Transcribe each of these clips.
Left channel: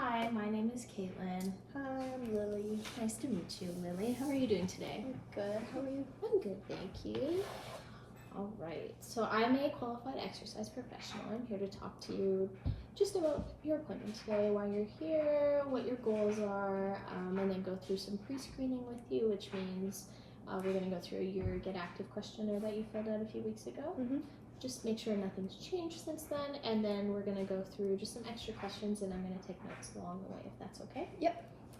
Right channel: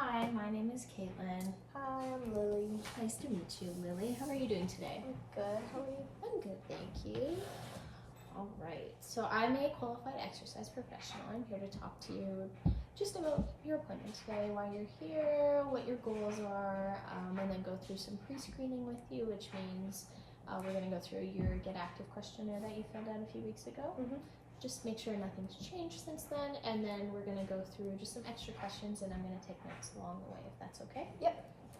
Hi, my name is Kaitlyn. Hi, I'm Lily. Nice to meet you, Lily. How are you doing today? I'm good. How are you? I'm good, thank you. All right, so I'm a qualified exercise professional. I'm here to talk to you just about your appointment today, why you're here, what your goals are, and then go through some pre-screening with you, which means we're going to go through your Get Active questionnaire that you filled out a few weeks ago. Just make sure nothing's changed since then, and then we're going to go through just some extra questions, and I'm going to take notes along the way, if that's okay? Yep.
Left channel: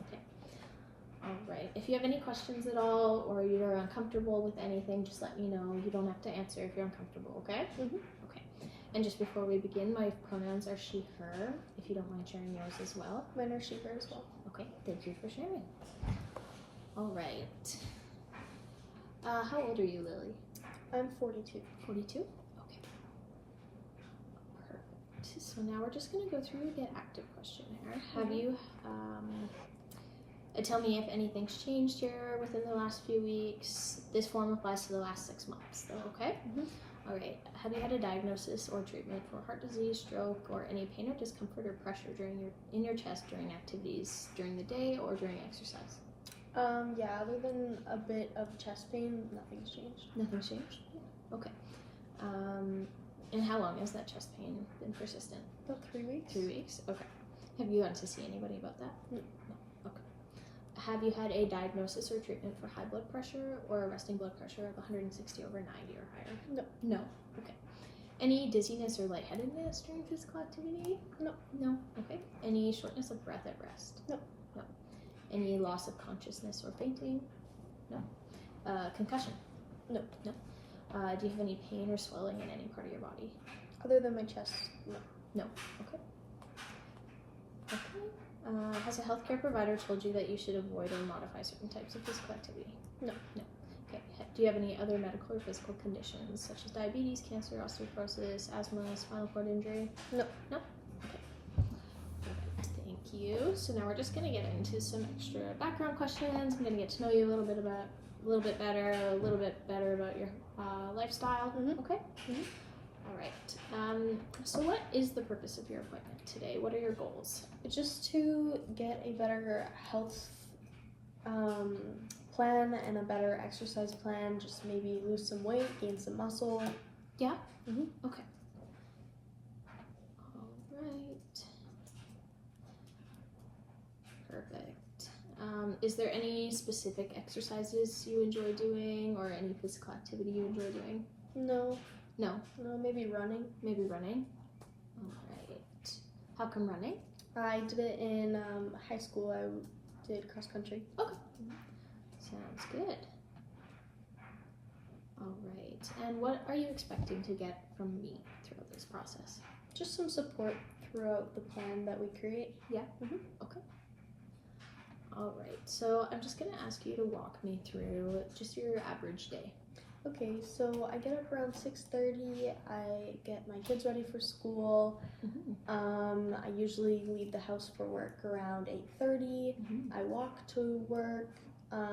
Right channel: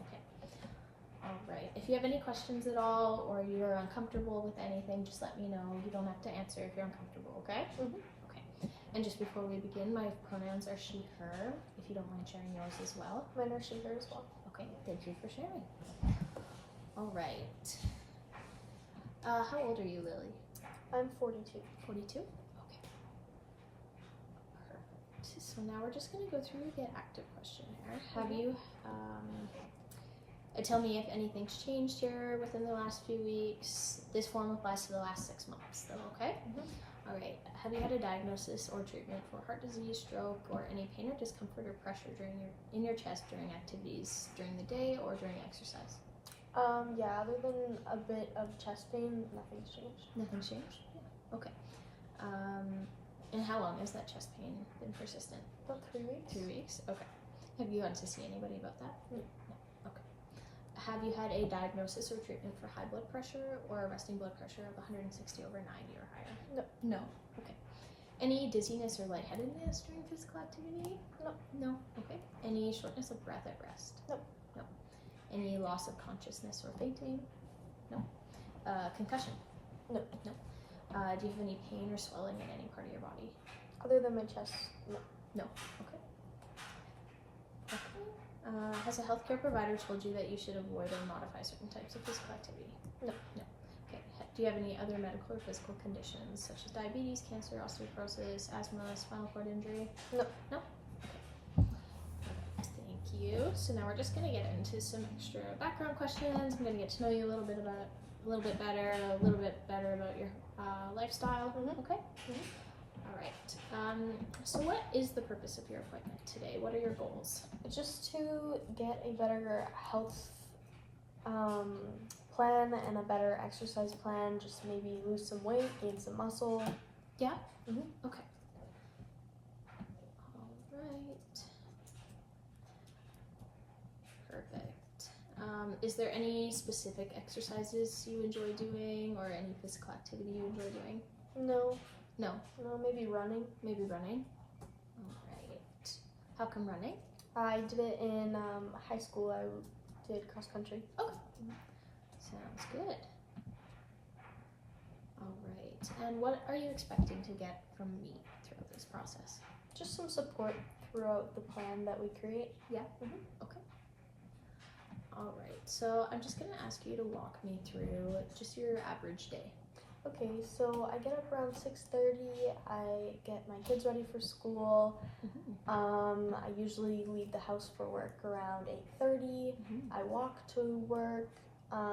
Okay. All right. If you have any questions at all, or you're uncomfortable with anything, just let me know. You don't have to answer if you're uncomfortable, okay? Okay. And just before we begin, my pronouns are she, her, if you don't mind sharing yours as well. Mine are she, her as well. Okay, thank you for sharing. All right. How old are you, Lily? I'm 42. 42? So now we're just going to go through the Get Active questionnaire. Have you, tell me if anything's changed here within the last few weeks. This form applies to the last 6 months, though, okay? All right. Have you had a diagnosis or treatment for heart disease, stroke, or any pain or discomfort or pressure in your chest during activities during the day or during exercise? Yeah, other than a bit of chest pain, nothing's changed. Nothing's changed? Okay. And how long has that chest pain been persistent? About 3 weeks. 3 weeks? Okay. Have you gone to see anybody about that? No. Okay. Have you had a diagnosis or treatment for high blood pressure or a resting blood pressure of 160/90 or higher? No. No? Okay. Any dizziness or lightheadedness during physical activity? No. No? Okay. Any shortness of breath at rest? No. No. Any loss of consciousness or fainting? No. Concussion? No. No. Do you have any pain or swelling in any part of your body? Other than my chest, no. No. Okay. Okay. Has a healthcare provider told you that you should avoid or modify certain types of physical activity? No. No. Okay. Do you have any other medical or physical conditions such as diabetes, cancer, osteoporosis, asthma, spinal cord injury? No. No. Okay. Thank you. So now we're just gonna get into some extra background questions. I'm gonna get to know you a little bit better about your lifestyle. Okay. All right. So what is the purpose of your appointment today? What are your goals? It's just to get a better health plan and a better exercise plan. Just maybe lose some weight, gain some muscle. Yeah? Okay. All right. Perfect. Is there any specific exercises you enjoy doing or any physical activity you enjoy doing? No. No? No, maybe running. Maybe running? All right. How come running? I did it in high school. I did cross country. Okay. Sounds good. All right. And what are you expecting to get from me throughout this process? Just some support throughout the plan that we create. Yeah? Okay. All right. So I'm just going to ask you to walk me through just your average day. Okay, so I get up around 6:30. I get my kids ready for school. I usually leave the house for work around 8:30. I walk to work.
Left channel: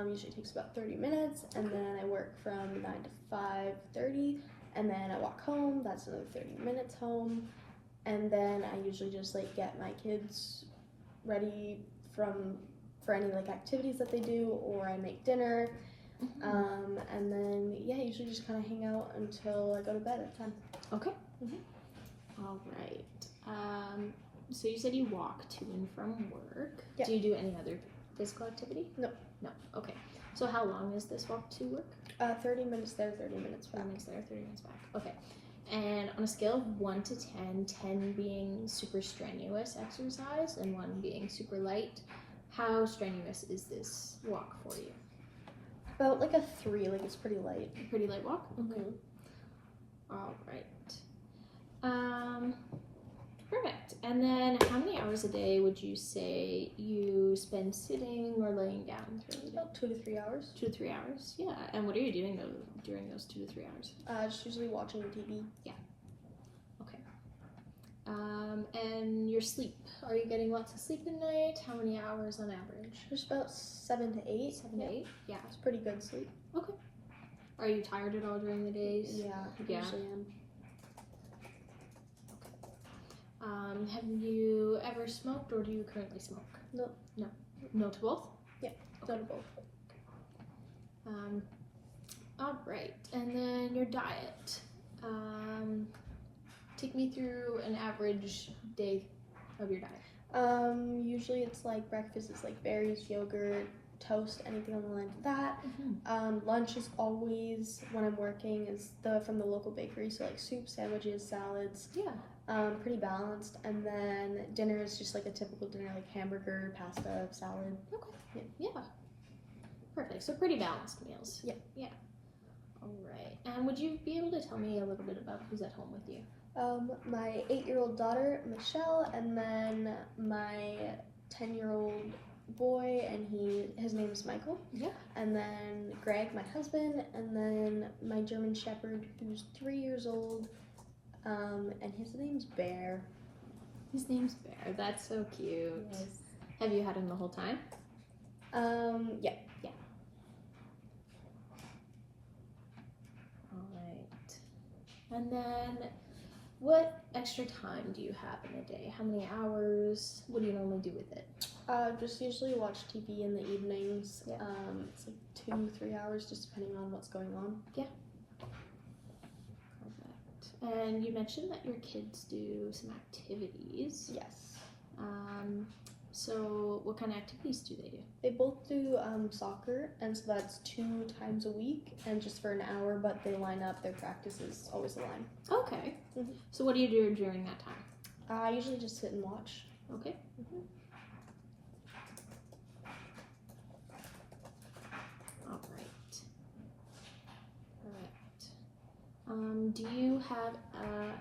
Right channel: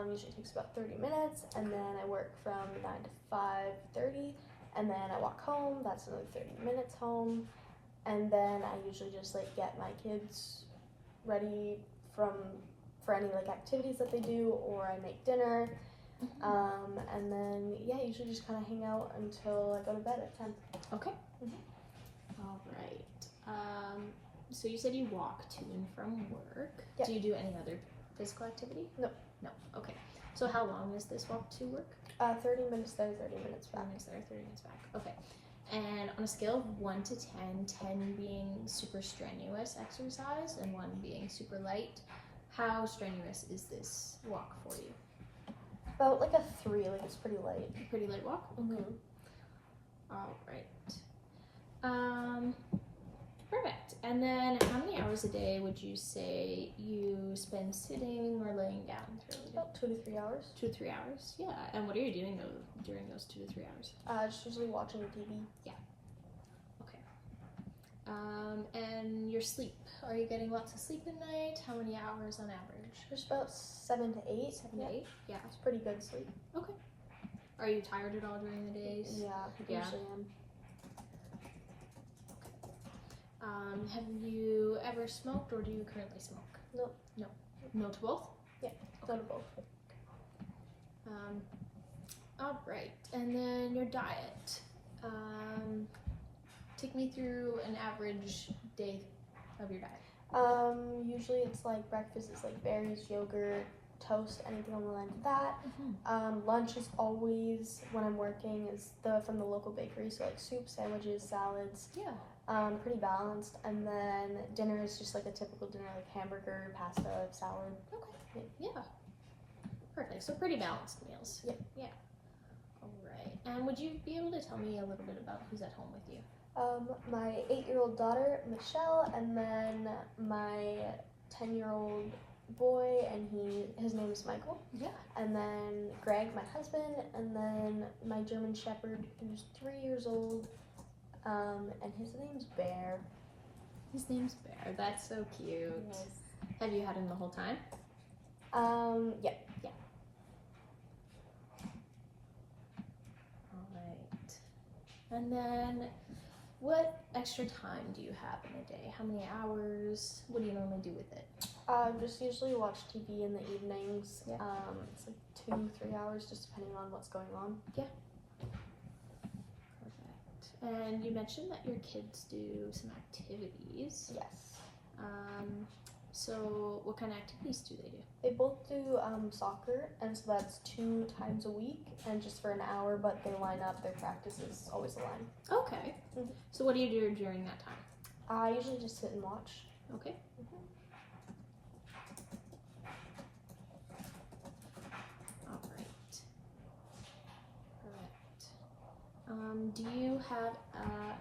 Usually takes about 30 minutes, and then I work from 9 to 5:30, and then I walk home. That's another 30 minutes home, and then I usually just get my kids ready for any activities that they do, or I make dinner. And then usually just kind of hang out until I go to bed at 10. Okay. All right. So you said you walk to and from work. Yeah. Do you do any other physical activity? No. No. Okay. So how long is this walk to work? 30 minutes there, 30 minutes back. 30 minutes there, 30 minutes back. Okay. And on a scale of 1 to 10, 10 being super strenuous exercise and 1 being super light, how strenuous is this walk for you? About a 3, it's pretty light. Pretty light walk? All right. Perfect. And then how many hours a day would you say you spend sitting or laying down throughout the day? About 2 to 3 hours. 2 to 3 hours? Yeah. And what are you doing during those 2 to 3 hours? Just usually watching TV. Yeah. Okay. And your sleep. Are you getting lots of sleep at night? How many hours on average? Just about 7 to 8. 7 to 8? Yeah. It's pretty good sleep. Okay. Are you tired at all during the days? Yeah, I usually am. Have you ever never smoked, or do you currently smoke? No. No. No to both? Yeah, no to both. All right, and then your diet. Take me through an average day of your diet. Usually it's like breakfast is like berries, yogurt, toast, anything on the line to that. Lunch is always, when I'm working, is from the local bakery, so like soup, sandwiches, salads. Yeah. Pretty balanced. And then dinner is just like a typical dinner, like hamburger, pasta, salad. Okay. Yeah. Perfect. So pretty balanced meals. Yeah. Yeah. All right. And would you be able to tell me a little bit about who's at home with you? My 8-year-old daughter, Michelle, and then my 10-year-old boy, and his name is Michael. Yeah. And then Greg, my husband, and then my German Shepherd, who's 3 years old, and his name's Bear. His name's Bear. That's so cute. Yes. Have you had him the whole time? Yeah. All right. And then, what extra time do you have in a day? How many hours? What do you normally do with it? Just usually watch TV in the evenings. Yeah. It's like 2-3 hours, just depending on what's going on. Perfect. And you mentioned that your kids do some activities. Yes. So what kind of activities do they do? They both do soccer, and so that's 2 times a week, and just for an hour, but they line up. Their practice is always a line. Okay. Mhm. So what do you do during that time? I usually just sit and watch. Okay. All right. Correct. Do you have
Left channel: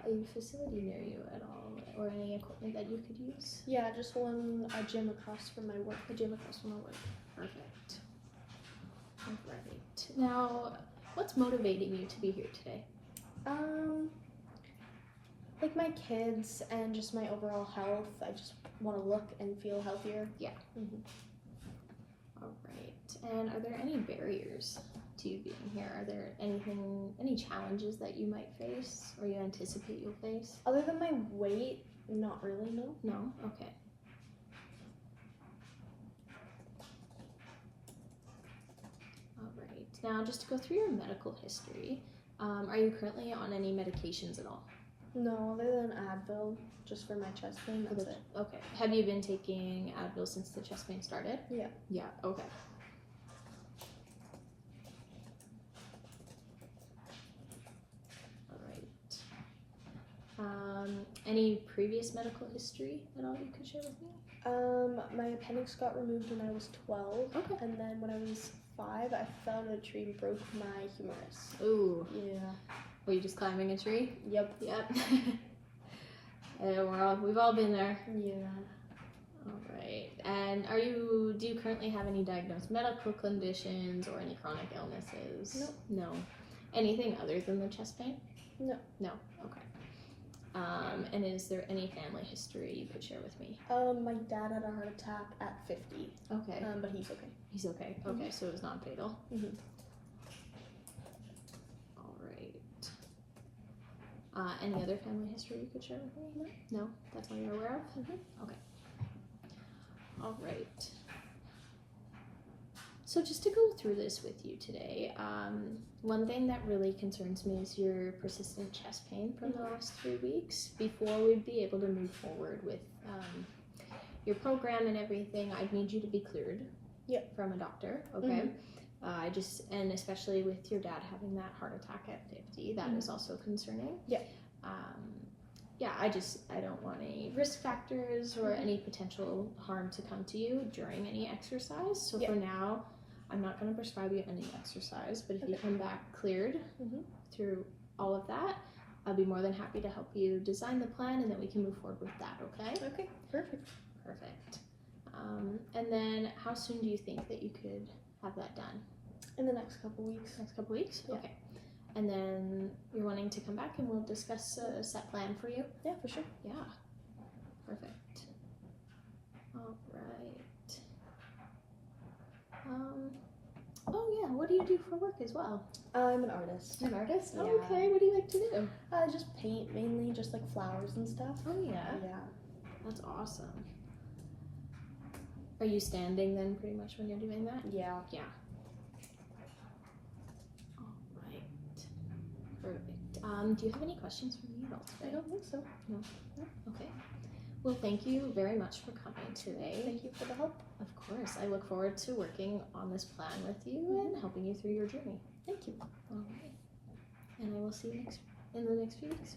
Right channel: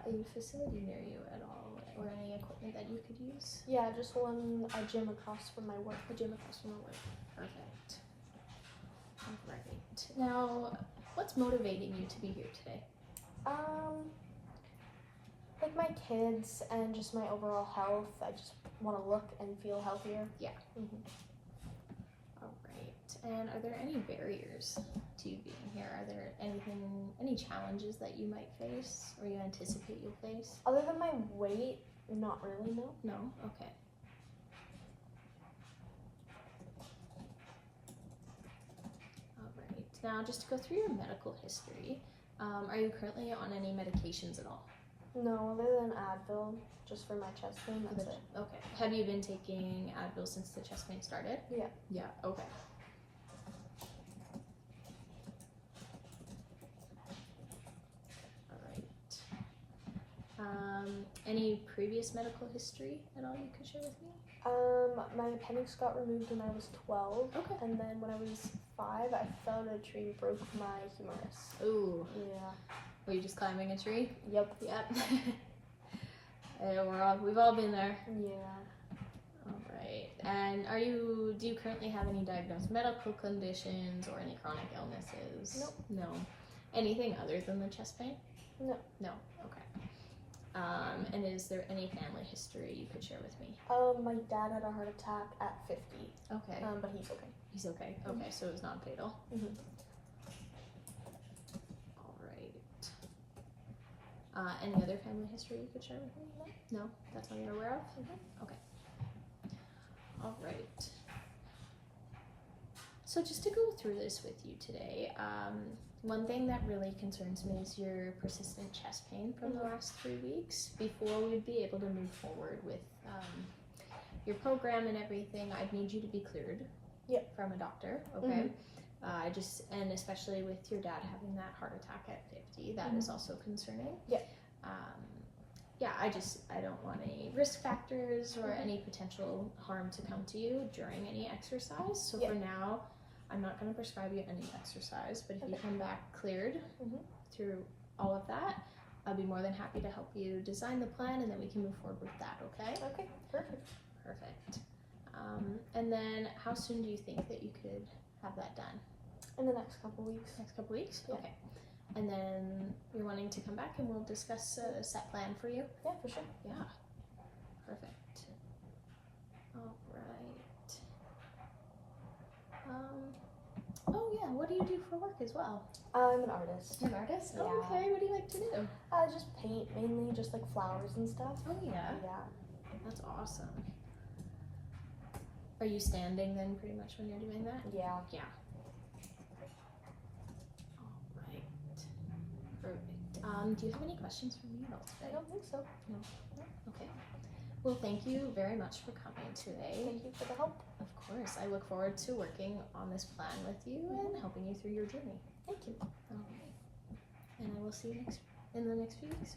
a facility near you at all, or any equipment that you could use? Yeah, just a gym across from my work. A gym across from our work. Perfect. All right. Now, what's motivating you to be here today? Like my kids and just my overall health. I just want to look and feel healthier. Yeah. Mm-hmm. All right. And are there any barriers to you being here? Are there any challenges that you might face or you anticipate you'll face? Other than my weight, not really, no. No? Okay. All right. Now, just to go through your medical history, are you currently on any medications at all? No, other than Advil, just for my chest pain, that's it. Okay. Have you been taking Advil since the chest pain started? Yeah. Yeah, okay. All right. Any previous medical history at all you could share with me? My appendix got removed when I was 12. Okay. And then when I was 5, I fell in a tree and broke my humerus. Ooh. Yeah. Were you just climbing a tree? Yep. Yep. We've all been there. Yeah. All right. And do you currently have any diagnosed medical conditions or any chronic illnesses? Nope. No. Anything other than the chest pain? No. No. Okay. And is there any family history you could share with me? My dad had a heart attack at 50. Okay. But he's okay. He's okay. Okay, so it's not fatal. Mm-hmm. All right. Any other family history you could share with me? No. No? That's all you're aware of? Okay. All right. So just to go through this with you today, one thing that really concerns me is your persistent chest pain from the last 3 weeks. Before we'd be able to move forward with your program and everything, I'd need you to be cleared from a doctor, okay? And especially with your dad having that heart attack at 50, that is also concerning. I don't want any risk factors or any potential harm to come to you during any exercise. So for now, I'm not going to prescribe you any exercise, but if you come back cleared through all of that, I'll be more than happy to help you design the plan, and then we can move forward with that, okay? Okay, perfect. Perfect. And then how soon do you think that you could have that done? In the next couple weeks. Next couple weeks? Yeah. Okay. And then you're wanting to come back and we'll discuss a set plan for you? Yeah, for sure. Yeah. Perfect. All right. Oh yeah, what do you do for work as well? I'm an artist. An artist? Yeah. Oh, okay, what do you like to do? I just paint, mainly just like flowers and stuff. Oh yeah. Yeah. That's awesome. Are you standing then pretty much when you're doing that? Yeah. Yeah. All right. Perfect. Do you have any questions for me at all I today? don't think so. Okay. Well, thank you very much for coming today. Thank you for the help. Of course. I look forward to working on this plan with you and helping you through your journey. Thank you. All right. And I will see you in the next few weeks.